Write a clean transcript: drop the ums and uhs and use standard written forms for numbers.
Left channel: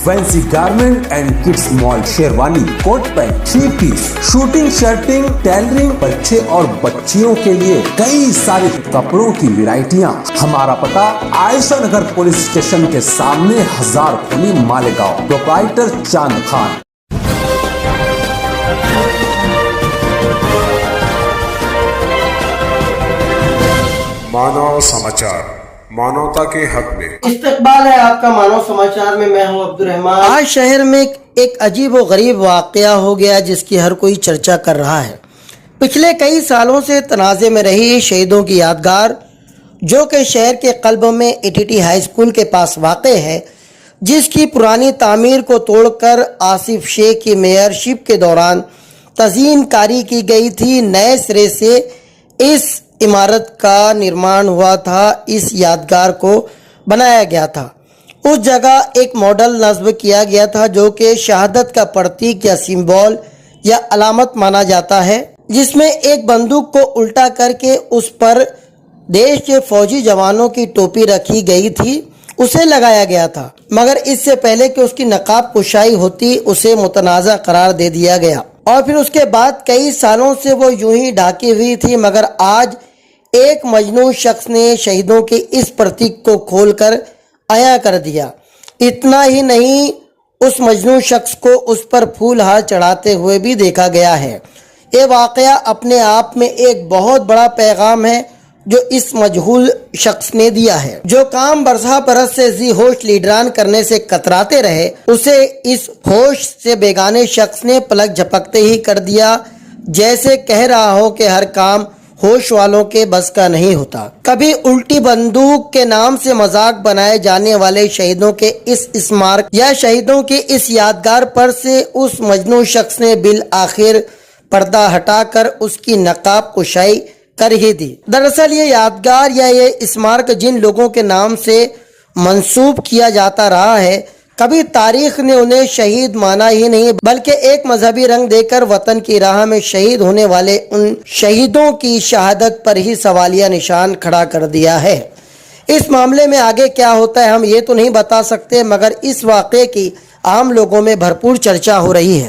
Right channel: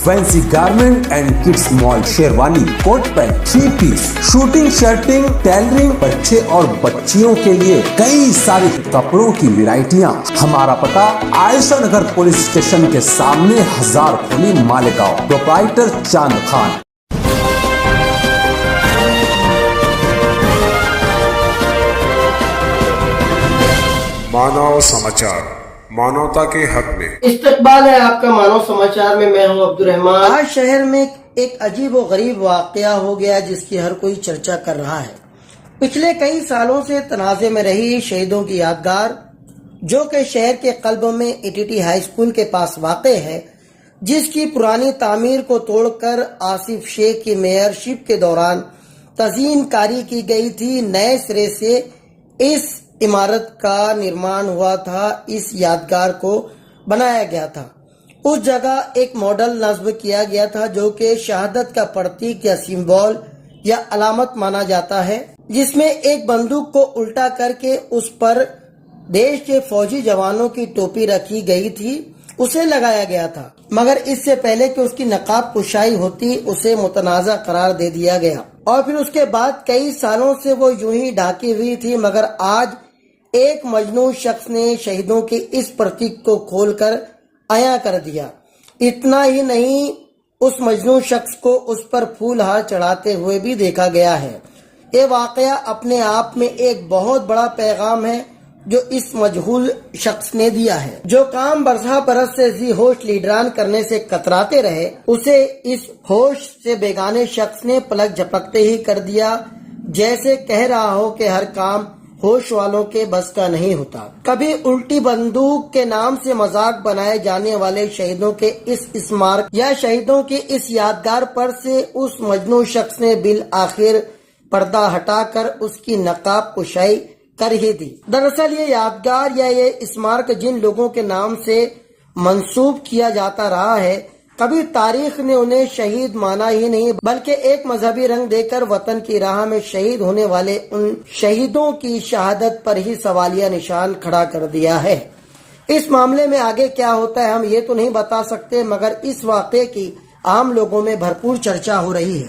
Fancy garment and kids mall, sherwani, coat pant, 3 piece, suiting, shirting, tailoring, बच्चे और बच्चियों के लिए कई सारे कपड़ों की वैरायटियां। हमारा पता आयशा नगर पुलिस स्टेशन के सामने, हजार खोली, मालेगांव। प्रोप्राइटर चांद खान। मानव समाचार, मानवता के हक में। इस्तकबाल है आपका मानव समाचार में। मैं हूं अब्दुल रहमान। आज शहर में एक अजीब व गरीब वाकया हो गया जिसकी हर कोई चर्चा कर रहा है। पिछले कई सालों से तनाज़े में रही शहीदों की यादगार, जो कि शहर के कल्ब में एटीटी हाई स्कूल के पास वाक़ है, जिसकी पुरानी तामीर को तोड़कर आसिफ शेख की मेयरशिप के दौरान तज़ीन कारी की गई थी। नए सिरे से इस इमारत का निर्माण हुआ था, इस यादगार को बनाया गया था। उस जगह एक मॉडल नस्ब किया गया था जो कि शहादत का प्रतीक या सिंबल या अलामत माना जाता है, जिसमें एक बंदूक को उल्टा करके उस पर देश के फौजी जवानों की टोपी रखी गई थी, उसे लगाया गया था। मगर इससे पहले कि उसकी नकाब कुशाई होती, उसे मुतनाज़ा करार दे दिया गया और फिर उसके बाद कई सालों से वो यूं ही ढकी हुई थी। मगर आज एक मजनून शख्स ने शहीदों के इस प्रतीक को खोलकर आया कर दिया। इतना ही नहीं, उस मजनून शख्स को उस पर फूल हार चढ़ाते हुए भी देखा गया है। ये वाकया अपने आप में एक बहुत बड़ा पैगाम है जो इस मजहूल शख्स ने दिया है। जो काम बरसा बरस से जी होश लीडरान करने से कतराते रहे, उसे इस होश से बेगाने शख्स ने पलक झपकते ही कर दिया। जैसे कह रहा हो कि हर काम होश वालों के बस का नहीं होता। कभी उल्टी बंदूक के नाम से मजाक बनाए जाने वाले शहीदों के इस स्मारक या शहीदों की इस यादगार पर से उस मजनून शख्स ने बिल आखिर पर्दा हटाकर उसकी नकाब कुशाई कर ही दी। दरअसल ये यादगार या ये स्मारक जिन लोगों के नाम से मंसूब किया जाता रहा है, कभी तारीख ने उन्हें शहीद माना ही नहीं, बल्कि एक मजहबी रंग देकर वतन की राह में शहीद होने वाले उन शहीदों की शहादत पर ही सवालिया निशान खड़ा कर दिया है। इस मामले में आगे क्या होता है हम ये तो नहीं बता सकते, मगर इस वाक़े की आम लोगों में भरपूर चर्चा हो रही है।